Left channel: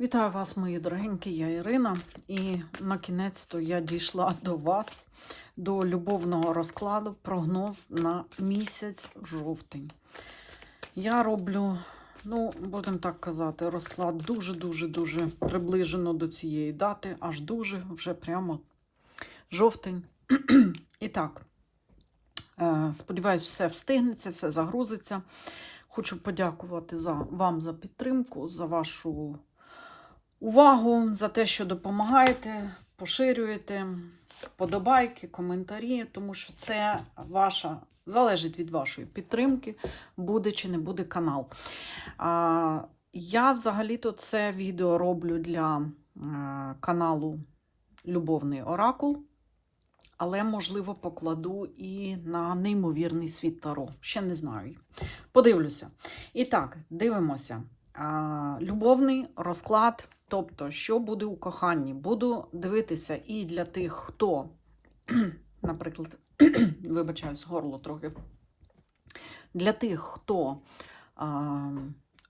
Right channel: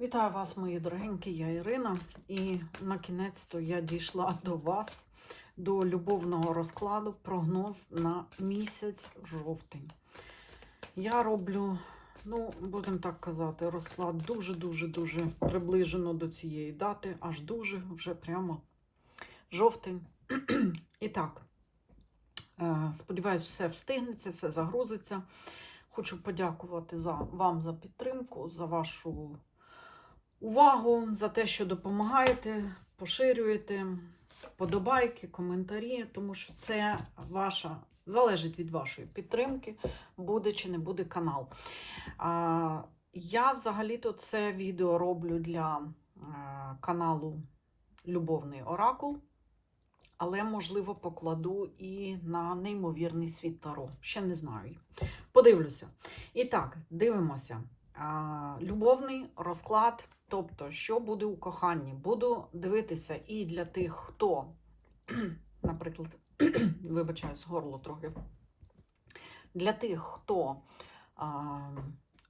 Вітаю вас, мої дорогенькі, я Ірина. І на кінець-то я дійшла до вас, до любовного розкладу, прогноз на місяць жовтень. Я роблю, ну, будемо так казати, розклад дуже-дуже-дуже приближено до цієї дати, аж дуже вже прямо жовтень. І так, е, сподіваюсь, все встигнеться, все загрузиться. Хочу подякувати за, вам за підтримку, за вашу увагу, за те, що допомагаєте, поширюєте, подобайки, коментарі, тому що це ваша, залежить від вашої підтримки, буде чи не буде канал. А, я взагалі-то це відео роблю для е, каналу Любовний Оракул. Але, можливо, покладу і на неймовірний світ Таро. Ще не знаю. Подивлюся. І так, дивимося. Любовний розклад, тобто, що буде у коханні. Буду дивитися і для тих, хто, наприклад, вибачаюсь, горло трохи. Для тих, хто а,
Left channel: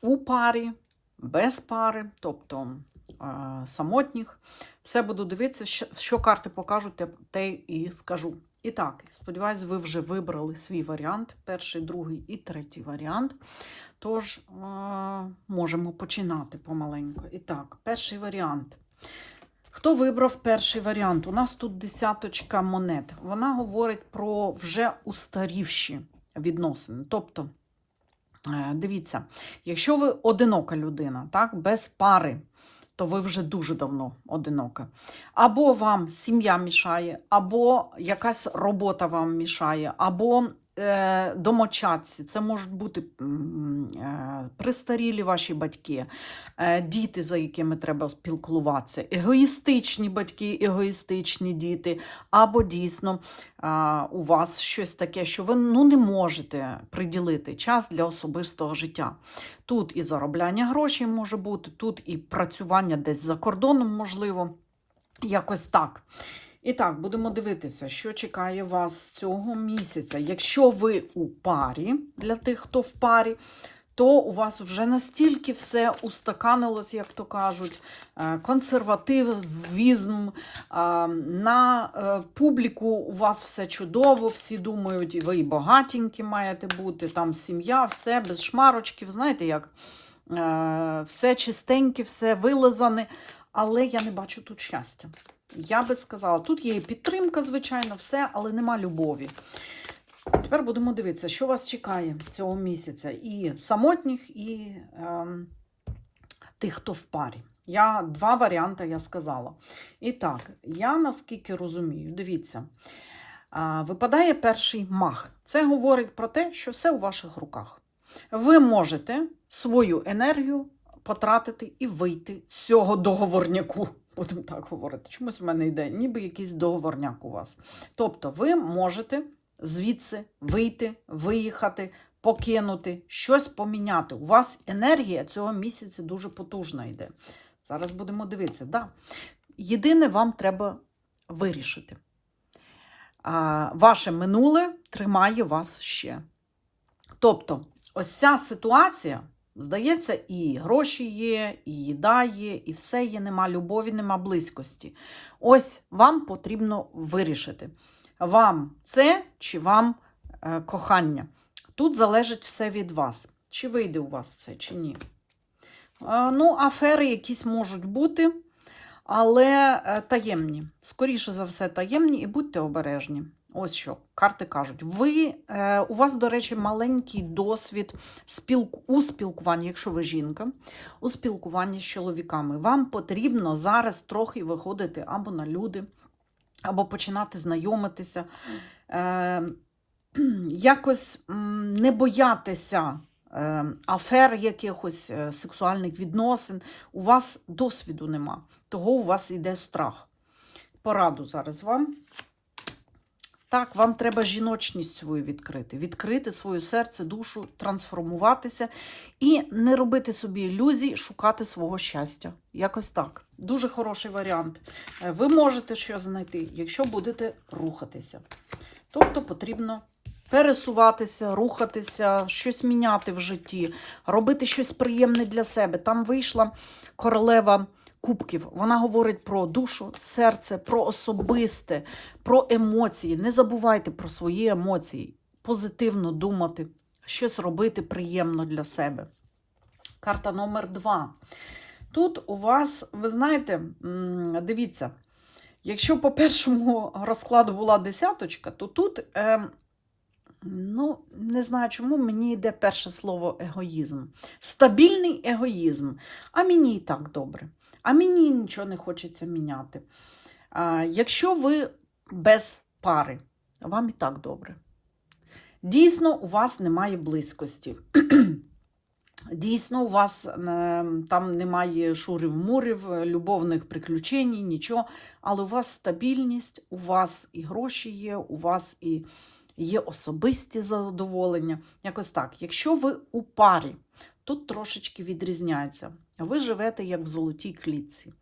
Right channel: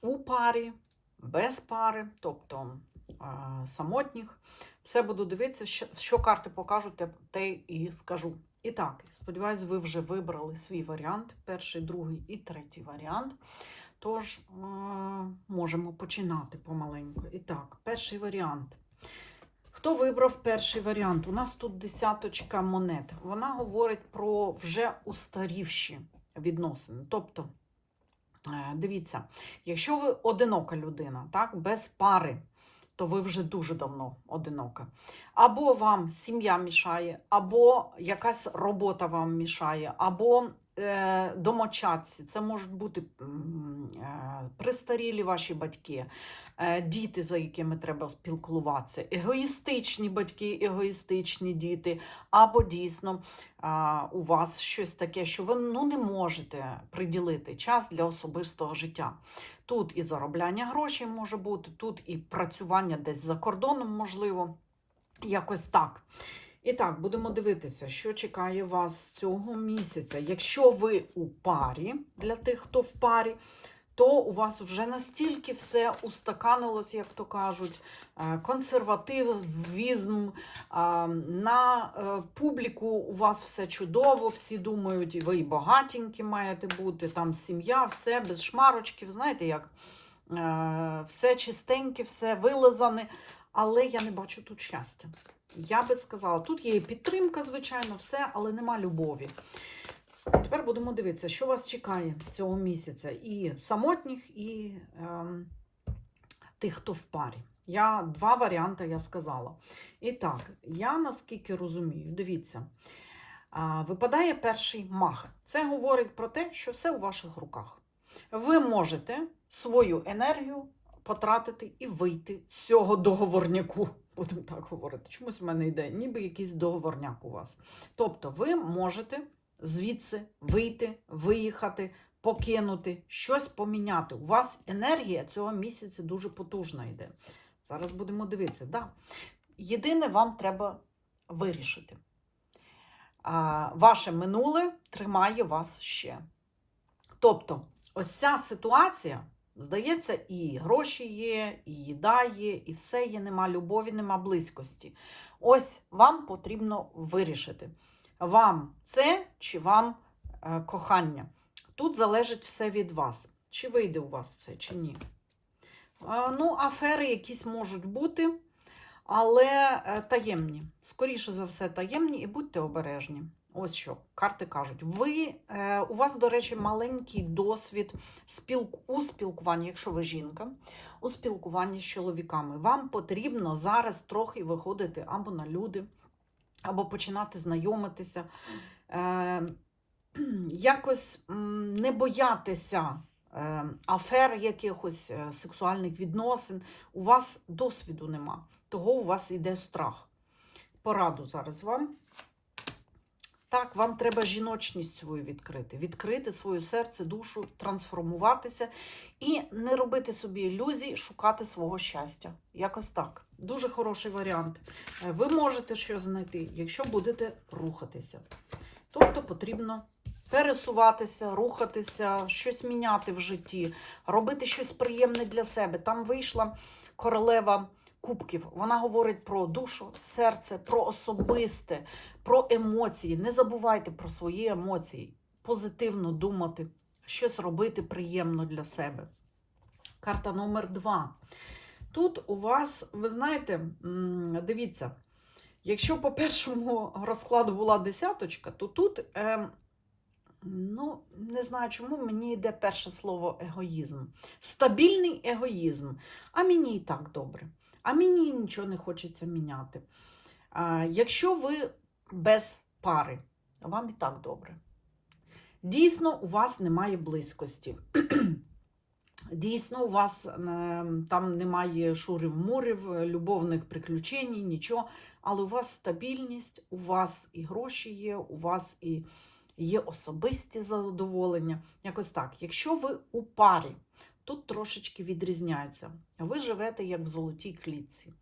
у парі, без пари, тобто а, самотніх. Все буду дивитися, що, що карти покажуть, те, і скажу. І так, сподіваюсь, ви вже вибрали свій варіант, перший, другий і третій варіант. Тож, е, можемо починати помаленьку. І так, перший варіант. Хто вибрав перший варіант? У нас тут десяточка монет. Вона говорить про вже устарівші відносини. Тобто, е, дивіться, якщо ви одинока людина, так, без пари, то ви вже дуже давно одинока. Або вам сім'я мішає, або якась робота вам мішає, або е, домочадці. Це можуть бути е, престарілі ваші батьки, е, діти, за якими треба спілкуватися, егоїстичні батьки, егоїстичні діти, або дійсно е, у вас щось таке, що ви ну, не можете приділити час для особистого життя. Тут і заробляння грошей може бути, тут і працювання десь за кордоном, можливо, якось так. І так, будемо дивитися, що чекає вас цього місяця. Якщо ви у парі, для тих, хто в парі, то у вас вже настільки все устаканилось, як то кажуть, е, консервативізм, е, на е, публіку у вас все чудово, всі думають, ви і багатенькі маєте бути, там сім'я, все без шмарочків, знаєте як? Е, Все чистеньке, все вилизане, але я не бачу тут щастя. Я би сказала, тут є і підтримка, звичайно, все, але нема любові. Тепер будемо дивитися, що вас чекає цього місяця. І самотніх, і ем, тих, хто в парі. Я два варіанти я сказала. І так, я наскільки розумію, дивіться, випадає перший мах. Це говорить про те, що все у ваших руках. Ви можете свою енергію потратити і вийти з цього договорняку. Будемо так говорити. Чомусь в мене йде, ніби якийсь договорняк у вас. Тобто, ви можете звідси вийти, виїхати, покинути, щось поміняти. У вас енергія цього місяця дуже потужна йде. Зараз будемо дивитися. Да. Єдине, вам треба вирішити. А, ваше минуле тримає вас ще. Тобто, ось ця ситуація, здається, і гроші є, і їда є, і все є, нема любові, нема близькості. Ось вам потрібно вирішити. Вам це чи вам е, кохання. Тут залежить все від вас. Чи вийде у вас це, чи ні. Ну, афери якісь можуть бути, але е, таємні. Скоріше за все, таємні, і будьте обережні. Ось що карти кажуть. Ви, е, у вас, до речі, маленький досвід спілку, у спілкуванні, якщо ви жінка, у спілкуванні з чоловіками. Вам потрібно зараз трохи виходити або на люди, або починати знайомитися. Е, якось не боятися е, афер якихось е, сексуальних відносин. У вас досвіду нема, того у вас йде страх. Пораду зараз вам. Так, вам треба жіночність свою відкрити, відкрити своє серце, душу, трансформуватися і не робити собі ілюзій, шукати свого щастя. Якось так. Дуже хороший варіант. Е, Ви можете щось знайти, якщо будете рухатися. Тобто потрібно пересуватися, рухатися, щось міняти в житті, робити щось приємне для себе. Там вийшла королева кубків. Вона говорить про душу, серце, про особисте, про емоції. Не забувайте про свої емоції, позитивно думати, щось робити приємно для себе. Карта номер два. Тут у вас, ви знаєте, дивіться, якщо по першому розкладу була десяточка, то тут, е, ну, не знаю чому, мені йде перше слово егоїзм. Стабільний егоїзм. А мені і так добре. А мені нічого не хочеться міняти. Якщо ви без пари, вам і так добре. Дійсно, у вас немає близькості. Дійсно, у вас там немає шурів-мурів, любовних приключень, нічого. Але у вас стабільність, у вас і гроші є, у вас і є особисті задоволення. Якось так. Якщо ви у парі, тут трошечки відрізняється. Ви живете як в золотій клітці.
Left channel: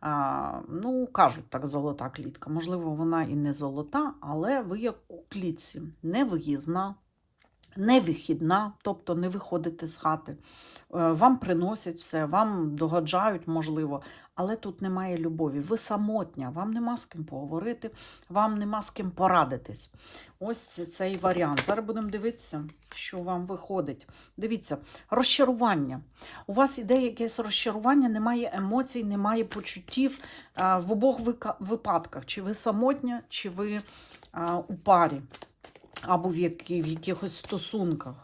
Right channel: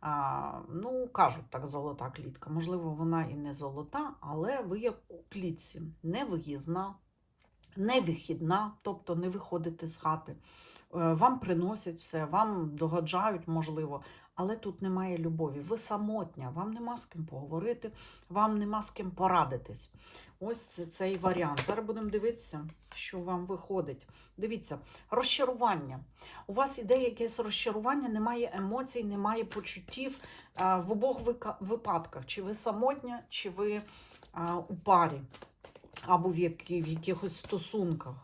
А, ну, кажуть так, золота клітка. Можливо, вона і не золота, але ви як у клітці, не виїзна, не вихідна, тобто не виходите з хати. Е, Вам приносять все, вам догоджають, можливо, але тут немає любові. Ви самотня, вам нема з ким поговорити, вам нема з ким порадитись. Ось цей варіант. Зараз будемо дивитися, що вам виходить. Дивіться, розчарування. У вас іде якесь розчарування, немає емоцій, немає почуттів в обох випадках. Чи ви самотня, чи ви у парі, або в якихось стосунках.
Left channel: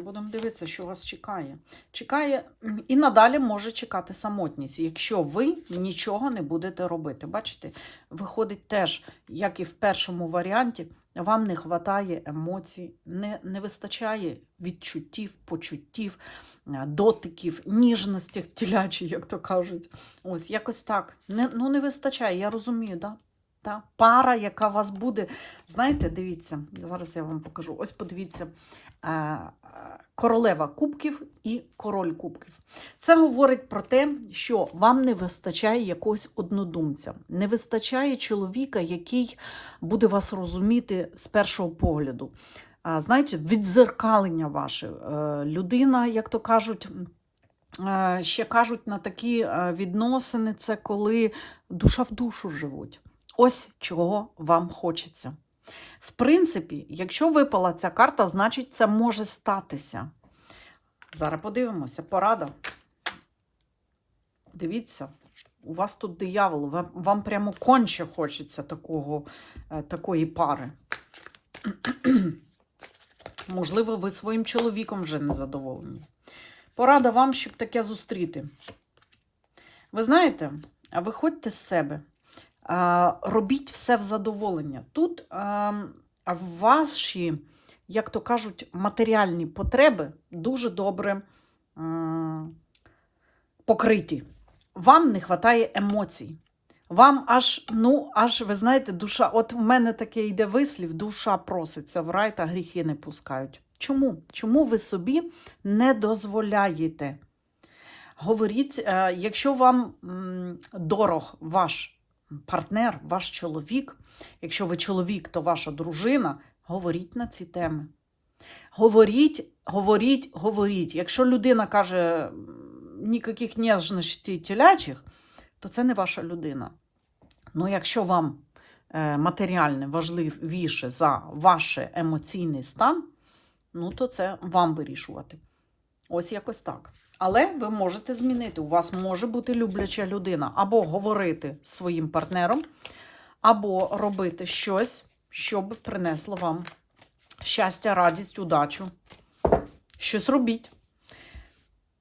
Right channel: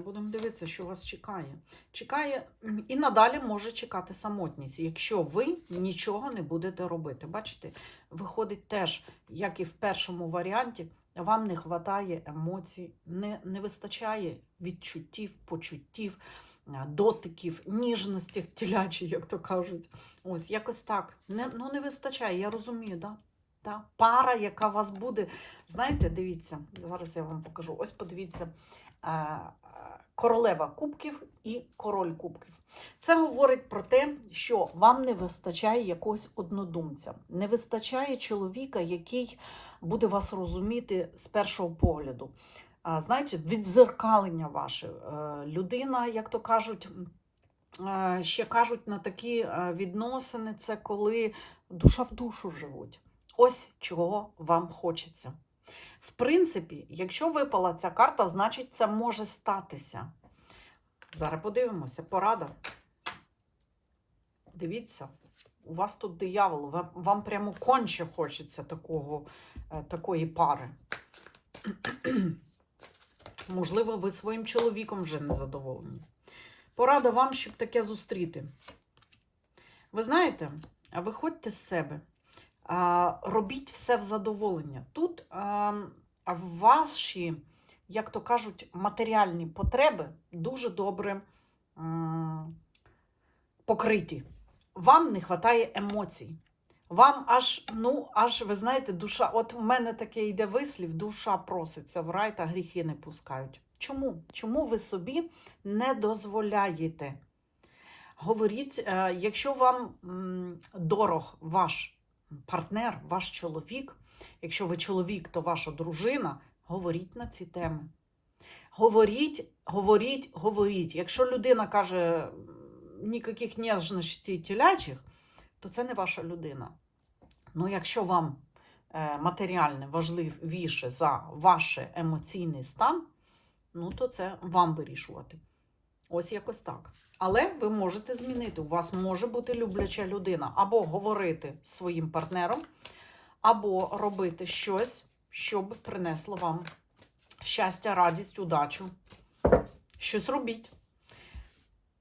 Будемо дивитися, що вас чекає. Чекає і надалі може чекати самотність, якщо ви нічого не будете робити. Бачите, виходить теж, як і в першому варіанті, вам не вистачає емоцій, не, не вистачає відчуттів, почуттів, е, дотиків, ніжності тілячі, як то кажуть. Ось якось так. Не, ну не вистачає, я розумію, да? Та пара, яка вас буде. Знаєте, дивіться, зараз я вам покажу. Ось подивіться. Королева кубків і король кубків. Це говорить про те, що вам не вистачає якогось однодумця, не вистачає чоловіка, який буде вас розуміти з першого погляду. Знаєте, відзеркалення ваше. Е, Людина, як то кажуть, е, ще кажуть на такі е, відносини, це коли душа в душу живуть. Ось чого вам хочеться. В принципі, якщо випала ця карта, значить це може статися. Зараз подивимося, порада. Дивіться, у вас тут диявол, вам, прямо конче хочеться такого, е, такої пари. Можливо, ви своїм чоловіком вже не задоволені. Порада вам, щоб таке зустріти. Ви знаєте, а виходьте з себе. Робіть все в задоволення. Тут ваші, як то кажуть, матеріальні потреби дуже добре покриті. Вам не вистачає емоцій. Вам аж, ну, аж, ви знаєте, душа. От у мене таке йде вислів, душа проситься в рай та гріхи не пускають. Чому? Чому ви собі не дозволяєте? Говоріть, е, якщо вам дорог ваш партнер, ваш чоловік, якщо ви чоловік, то ваша дружина, говоріть на ці теми. Говоріть, говоріть, говоріть. Якщо людина каже ніяких ніжностей телячих, то це не ваша людина. Ну, якщо вам е, матеріальне важливіше за ваш емоційний стан, ну то це вам вирішувати. Ось якось так. Але ви можете змінити. У вас може бути любляча людина, або говорити з своїм партнером, або робити щось, щоб принесло вам щастя, радість, удачу. Щось робіть.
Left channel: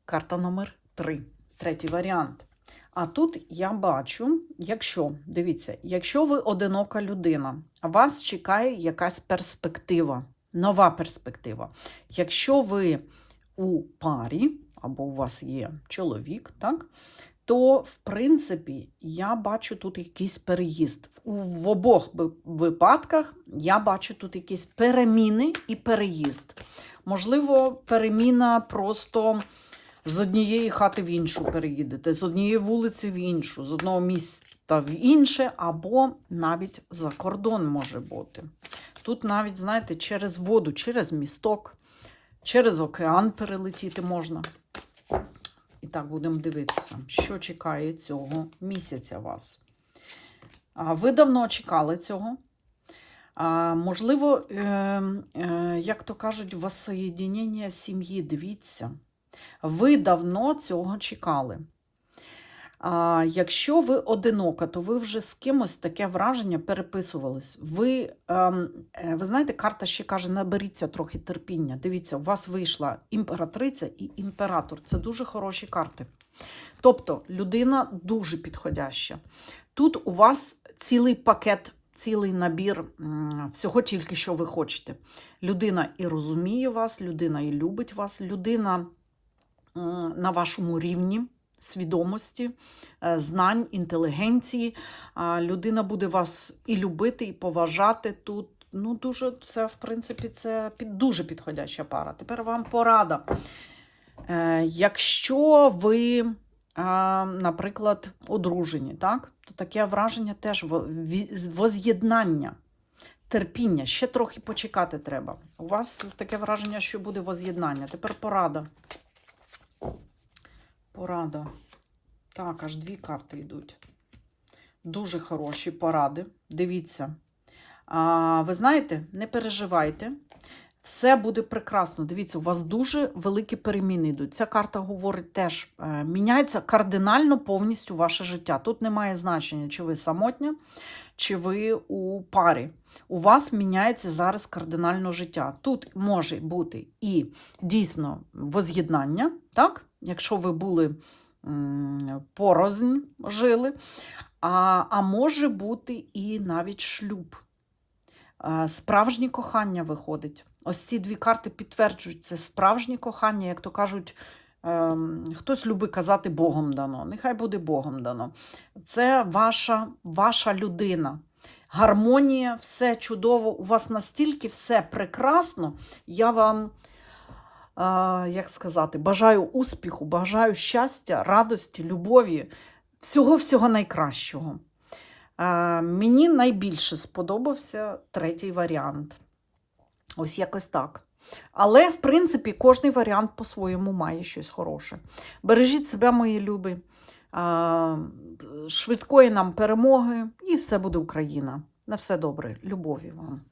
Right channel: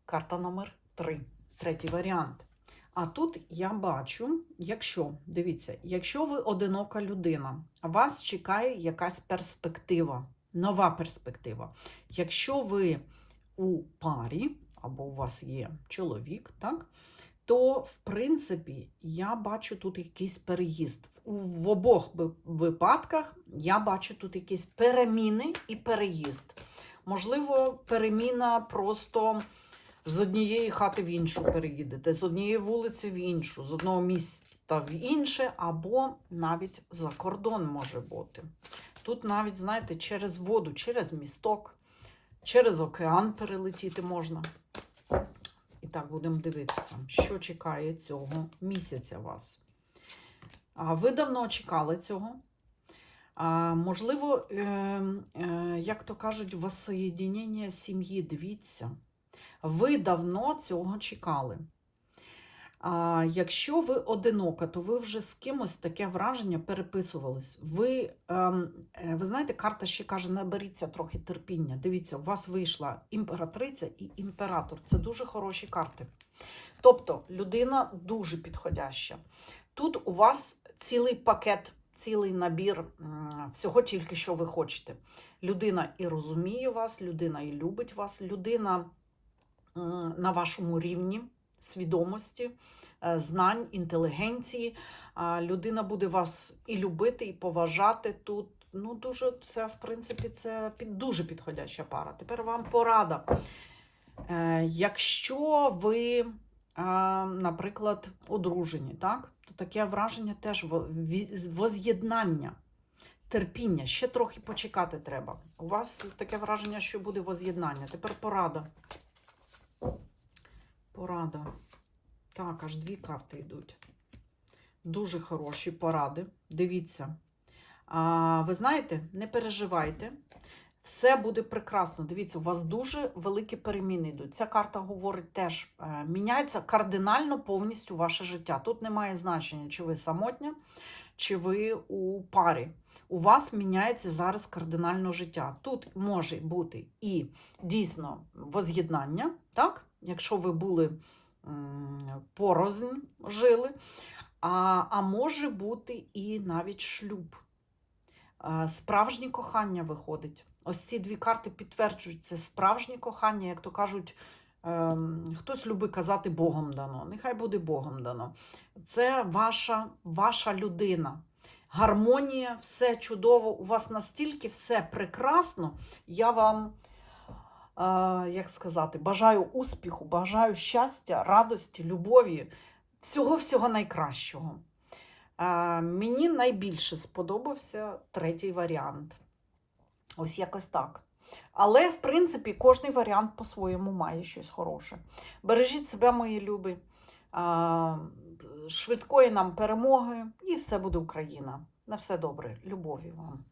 Карта номер 3. Третій варіант. А тут я бачу, якщо, дивіться, якщо ви одинока людина, вас чекає якась перспектива, нова перспектива. Якщо ви у парі, або у вас є чоловік, так, то, в принципі, я бачу тут якийсь переїзд. В обох випадках я бачу тут якісь переміни і переїзд. Можливо, переміна просто з однієї хати в іншу переїдете, з однієї вулиці в іншу, з одного міста в інше, або навіть за кордон може бути. Тут навіть, знаєте, через воду, через місток, через океан перелетіти можна. І так, будемо дивитися, що чекає цього місяця вас. Ви давно чекали цього. Можливо, е, е, як то кажуть, воссоєдінення сім'ї, дивіться. Ви давно цього чекали. Якщо ви одинока, то ви вже з кимось таке враження переписувались. Ви, ем, е, ви знаєте, карта ще каже: наберіться трохи терпіння. Дивіться, у вас вийшла імператриця і імператор. Це дуже хороші карти. Тобто людина дуже підходяща. Тут у вас цілий пакет, цілий набір всього тільки, що ви хочете. Людина і розуміє вас, людина і любить вас, людина на вашому рівні свідомості, е, знань, інтелігенції. Людина буде вас і любити, і поважати тут. Ну, дуже це, в принципі, це під, дуже підходяща пара. Тепер вам порада. Е, якщо ви, е, наприклад, одружені, так, то таке враження теж воз'єднання, терпіння. Ще трохи почекати треба. У вас таке враження, що буде воз'єднання. Тепер порада. Порада. Так, аж дві карти йдуть. Дуже хороші поради. Дивіться. А, ви знаєте, не переживайте. Все буде прекрасно. Дивіться, у вас дуже великі переміни йдуть. Ця карта говорить теж, е, міняється кардинально повністю ваше життя. Тут немає значення, чи ви самотня, чи ви у парі. У вас міняється зараз кардинально життя. Тут може бути і дійсно воз'єднання, так? Якщо ви були порознь жили, а, а може бути і навіть шлюб. Справжнє кохання виходить. Ось ці дві карти підтверджують це справжнє кохання, як то кажуть, ем, хтось любить казати Богом дано. Нехай буде Богом дано. Це ваша, ваша людина. Гармонія, все чудово. У вас настільки все прекрасно. Я вам, як сказати, бажаю успіху, бажаю щастя, радості, любові, всього-всього найкращого. Мені найбільше сподобався третій варіант. Ось якось так. Але, в принципі, кожний варіант по-своєму має щось хороше. Бережіть себе, мої любі, швидкої нам перемоги, і все буде Україна. На все добре. Любові вам.